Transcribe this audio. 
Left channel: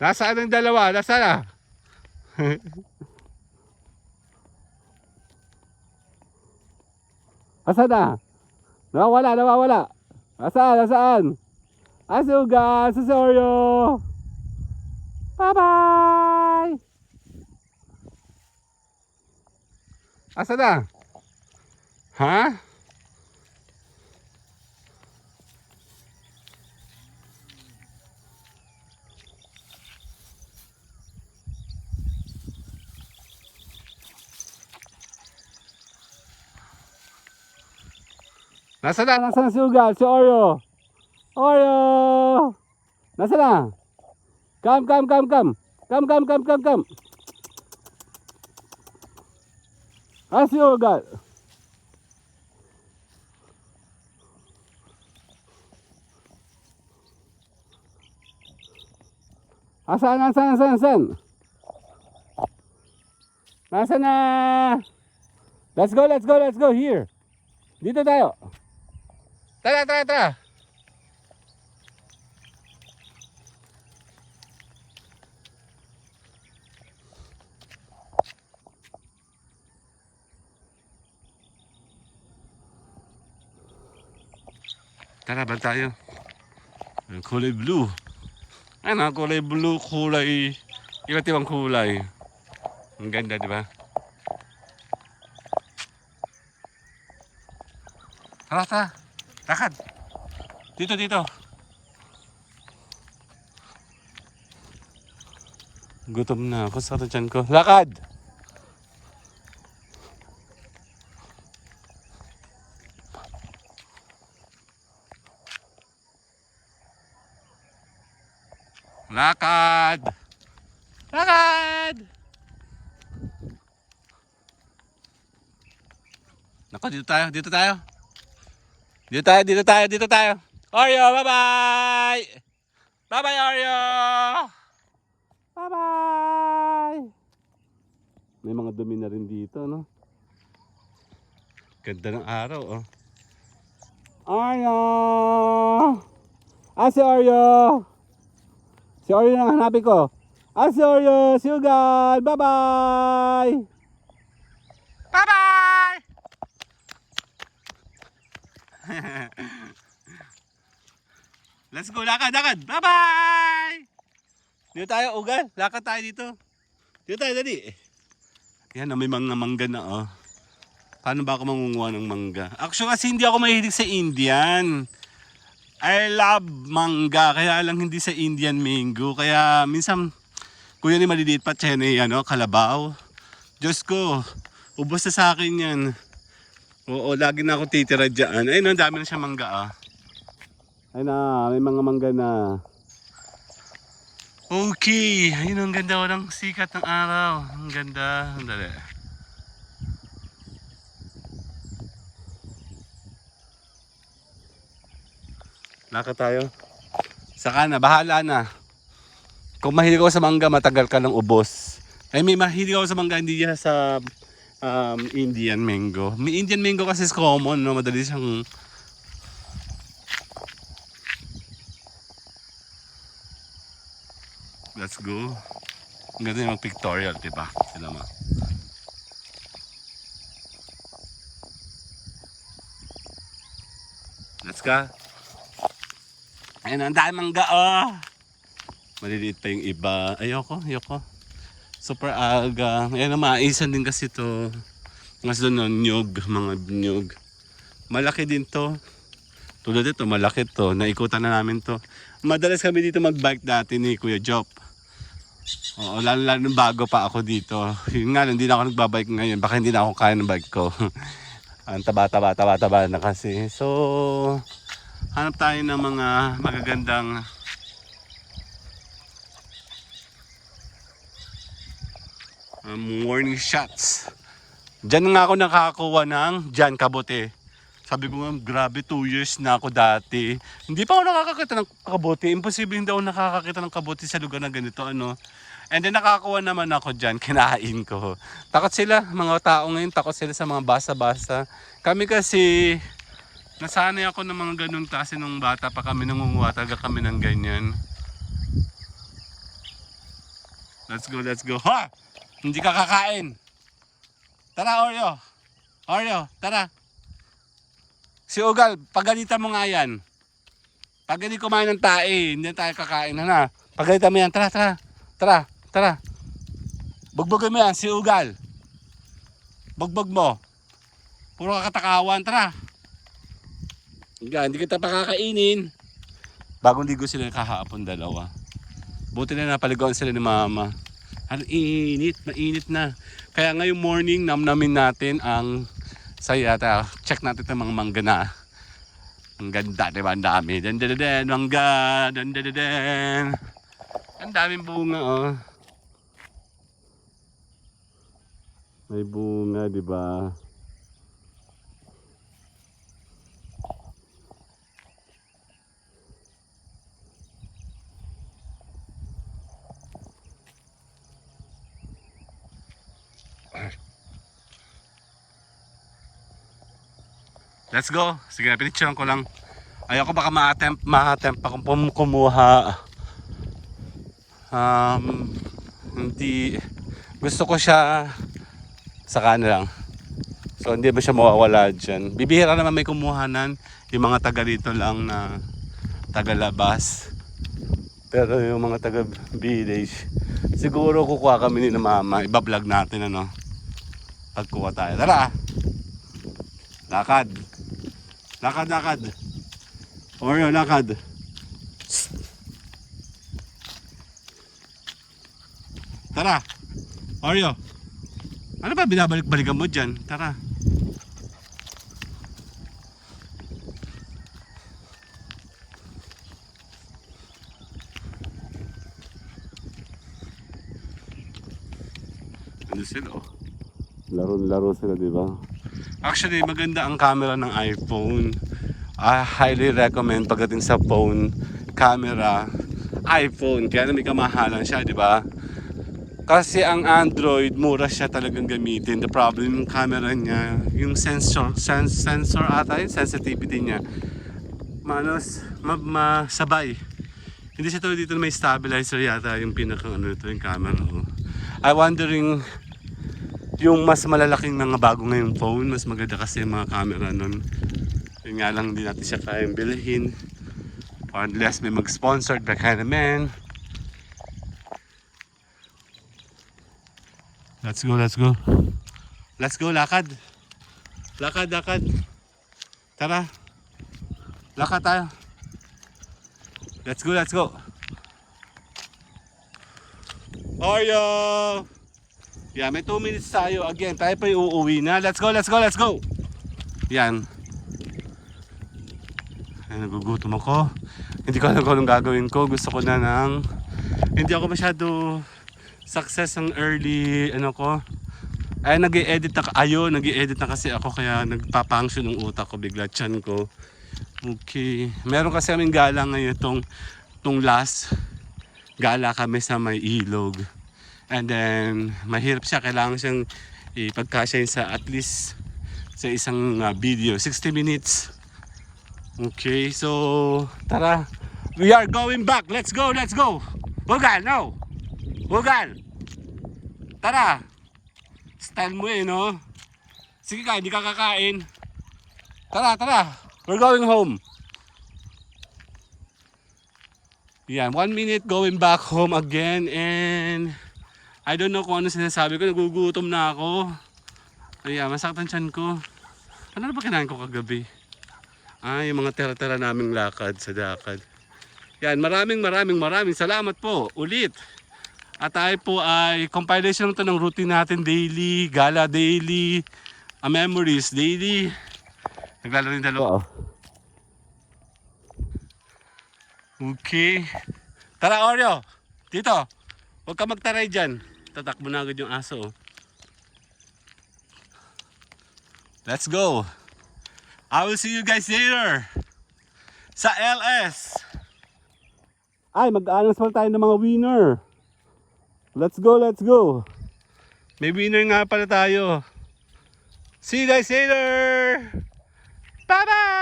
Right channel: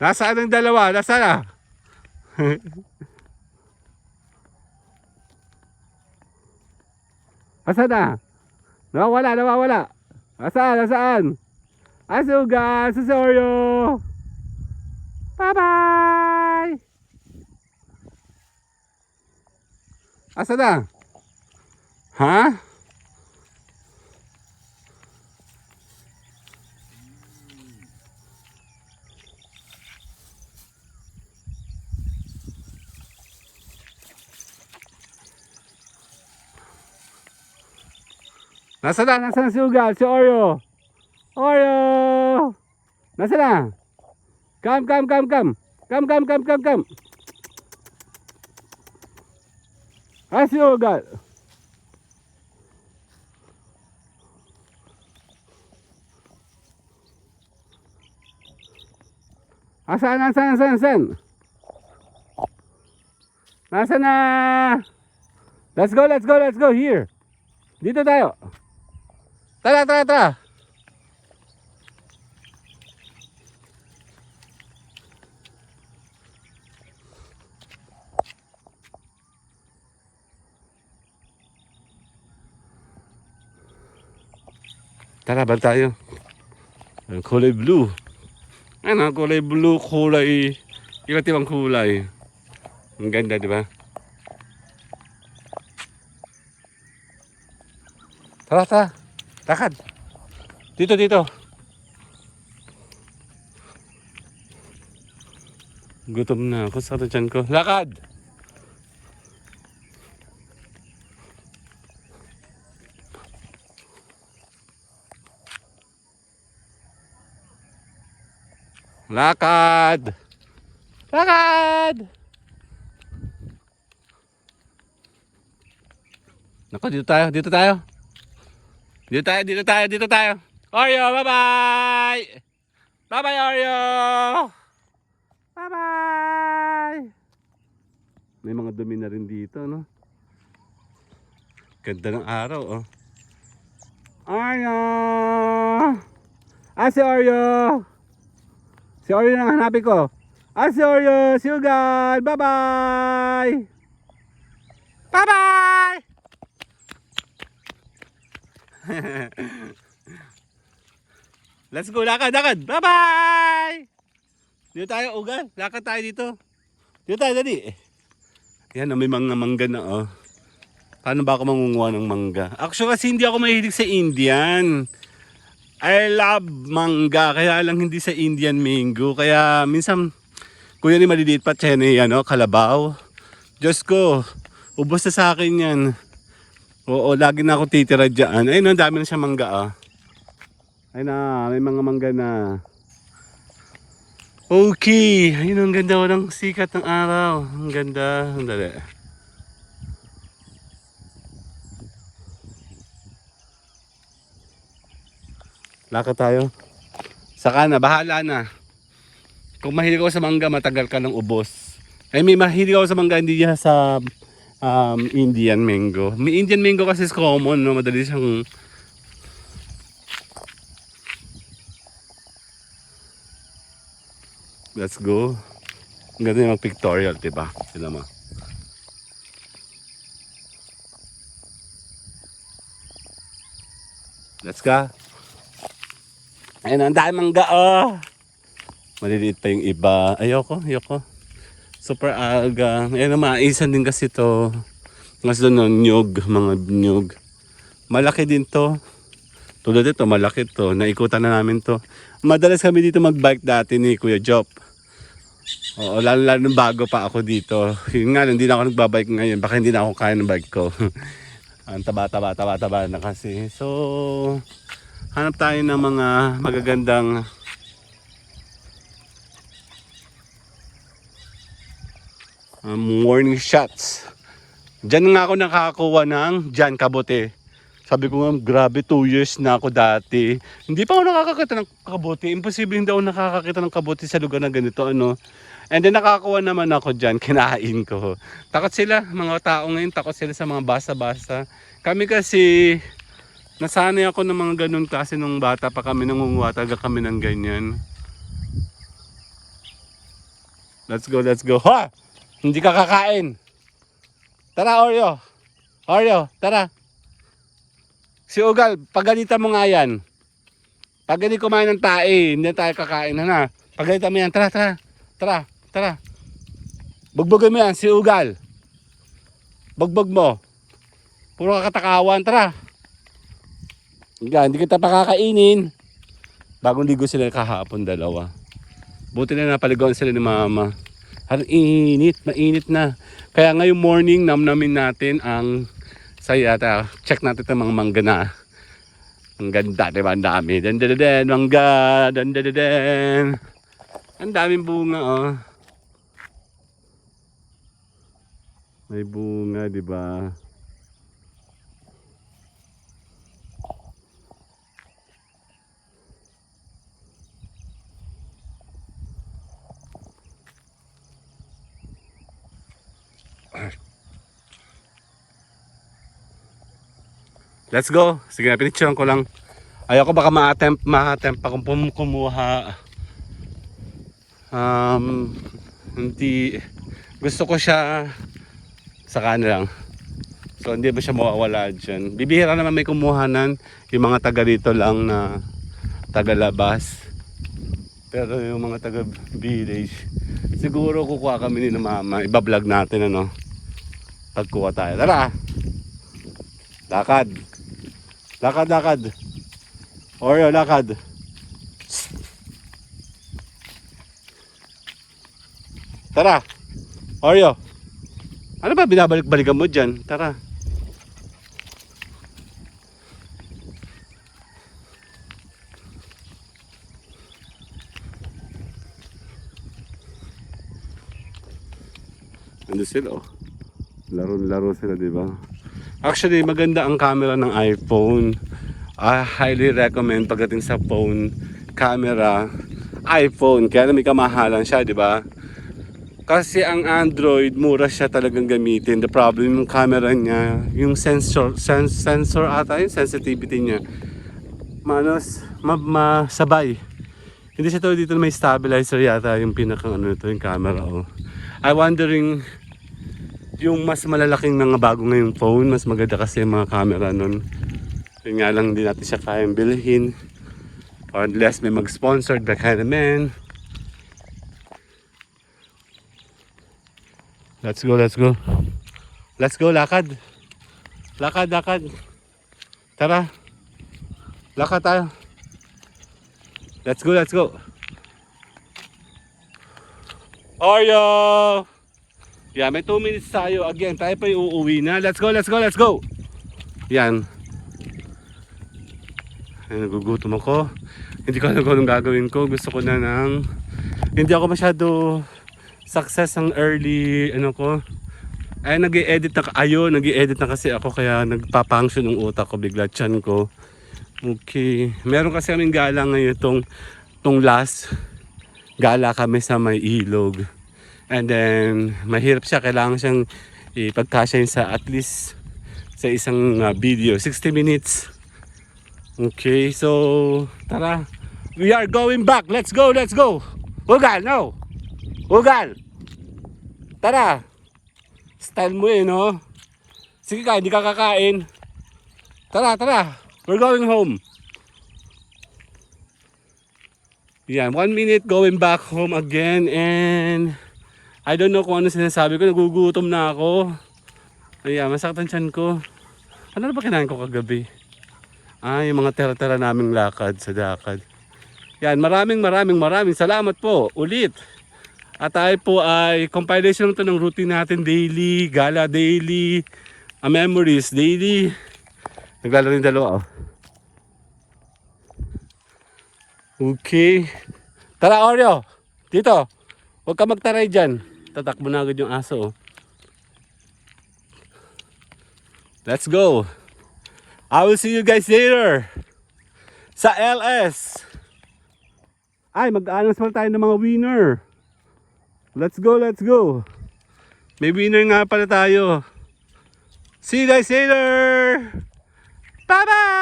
Nasaan ang dalawa? Nasaan na? Nasaan na? Nawawala. Nasaan? Asuga, Susoryo. Bye-bye! Asa na? Ha? Nasaan si Ugal? Si Oreo? Oreo! Nasaan na? Come. Come. Ah, si Ugal. Nasaan? Nasaan na? Let's go. Here. Dito tayo. Tara. Tara, balik tayo. Kulay blue. Ano, kulay blue, kulay iba't ibang kulay. Ang ganda, di ba? Tara. Lakad. Dito. Gutom na ako sa tiyan ko. Lakad! Nako, dito tayo. Dito tayo. Oreo, bye-bye! Bye-bye, Oreo! Bye-bye! May mga dumi na rin dito, no? Ganda ng araw, oh. Oreo! Si Oreo! Si Oreo na hanapin ko. Si Oreo! Si Ugal! Bye-bye! Bye-bye! Let's go, lakad. Bye-bye! Dito tayo, Ugal. Lakad tayo dito. Dito tayo, dali. Yan, may mga mangga na, oh. Paano ba ako mangunguha ng mangga? Actually, kasi hindi ako mahilig sa Indian. I love mangga, kaya lang hindi sa Indian mango. Kaya minsan, kuya ni maliliit pa, tsene, kalabaw. Diyos ko, ubos na sa akin yan. Oo, lagi na ako titira dyan. Ayun, ang dami na siya mangga, ah. Ayun na, may mga mangga na. Okay, ayun, ang ganda ng sikat ng araw. Ang ganda, ang dali. Lakad tayo. Saka na, bahala na. Kung mahilig ako sa mangga, matagal ka ng ubos. Ay, may mahilig ako sa mangga, hindi niya sa Indian mango. May Indian mango kasi is common, no? Madali siyang... Let's go. Ang ganda yung pictorial, diba? Sila mo. Let's go. Ayun, ang dami mangga, oh. Maliliit pa yung iba. Ayoko. Super aga. Ayun, maisan din kasi to. Mas doon, mga nyug. Malaki din to. Tulad ito, malaki to. Naikutan na namin to. Madalas kami dito magbike dati ni Kuya Jop. Oo, lalo bago pa ako dito. Yun nga, hindi na ako nagbabike ngayon. Baka hindi na ako kaya ng bike ko. Ang taba na kasi. So, hanap tayo ng mga magagandang morning shots. Diyan nga ako nakakuha ng kabote. Sabi ko nga, grabe, 2 years na ako dati. Hindi pa ako nakakakita ng kabote. Imposible hindi ako nakakakita ng kabote sa lugar na ganito, ano. And then nakakuha naman ako dyan, kinain ko. Takot sila, mga tao ngayon, takot sila sa mga basa-basa. Kami kasi, nasanay ako ng mga ganun klase nung bata pa kami, nangunguha talaga kami ng ganyan. Let's go, let's go. Ha! Hindi ka kakain. Tara, Oreo. Oreo, tara. Si Ugal, pagalitan mo nga yan. Pag hindi kumain ng tae, hindi tayo kakain na. Pagalitan mo yan, tara, tara. Tara, tara. Bugbugin mo yan, si Ugal. Bugbog mo. Puro kakatakawan, tara. Hindi kita pakakainin. Bagong ligo sila kahapon, dalawa. Buti na napaligoan sila ni mama. Ang init, mainit na. Kaya ngayong morning, namnamin natin ang sayata. Check natin itong mga mangga na. Ang ganda, diba? Ang dami. Dandadadaan, mangga. Dandadadaan. Ang daming bunga, oh. May bunga, diba? Let's go. Sige na, pinicturean ko lang. Ayoko baka ma-attempt akong kumuha. Hindi. Gusto ko siya sa lang. So hindi ba siya mawawala dyan. Bibihira naman may kumuhanan. Yung mga taga rito lang na taga-labas. Pero yung mga taga-village, siguro kukuha kami ni mama. Iba-vlog natin ano. Pagkuha tayo. Tara! Lakad! Lakad, lakad. Oreo, lakad. Tara. Oreo. Ano ba binabalik-balikan mo dyan? Tara. Ano sila, oh. Laro-laro sila, di ba? Actually, maganda ang camera ng iPhone. I highly recommend pagdating sa phone camera, iPhone. Kaya may kamahalan siya, di ba? Kasi ang Android, mura siya talagang gamitin. The problem yung camera niya, yung sensor ata, yung sensitivity niya. Masabay. Hindi siya to dito may stabilizer yata yung pinakang ano ito, yung camera. Oh. I'm wondering, yung mas malalaking mga bago ngayong phone, mas maganda kasi yung mga camera nun. Yun nga lang, hindi natin siya kayang bilhin. Or unless may mag-sponsored, baka naman. Let's go, let's go. Let's go, lakad. Lakad, lakad. Tara. Lakad tayo. Let's go, let's go. Oreo! Yeah, may 2 minutes tayo. Again, tayo pa yung uuwi na. Let's go, let's go, let's go. Yan. Ay, nagugutom ako. Hindi ko alam kung anong gagawin ko. Gusto ko na ng... Hindi ako masyado success ang early, ano ko. Ay, nag-i-edit na, nag-i-edit na kasi ako. Kaya nagpapunction ng utak ko, bigla tiyan ko. Okay. Meron kasi kaming gala ngayon itong last. Gala kami sa may ilog. And then, mahirap siya. Kailangan siyang ipagkasya sa at least sa isang video. 60 minutes. Okay, so, tara. We are going back. Let's go, let's go. Ugal, no. Ugal. Tara. Style mo no? Sige ka, hindi ka kakain. Tara, tara. We're going home. Yan, 1 minute going back home again and... I don't know kung ano sinasabi ko, nagugutom na ako. Ayan, masakit ang tiyan ko. Ano na ba kinain ko kagabi? Yung mga tera-tera naming lakad sa dakad. Yan, maraming salamat po ulit. At tayo po ay compilation ito ng routine natin daily, gala daily, memories daily. Naglalaro yung dalawa, oh. Okay. Tara, Oreo. Dito. Huwag ka magtaray dyan. Tatakbo na agad yung aso. Let's go. I will see you guys later. Sa LS. Ay, mag-aanas pala tayo ng mga winner. Let's go, let's go. May winner nga pala tayo. See you guys later. Bye-bye.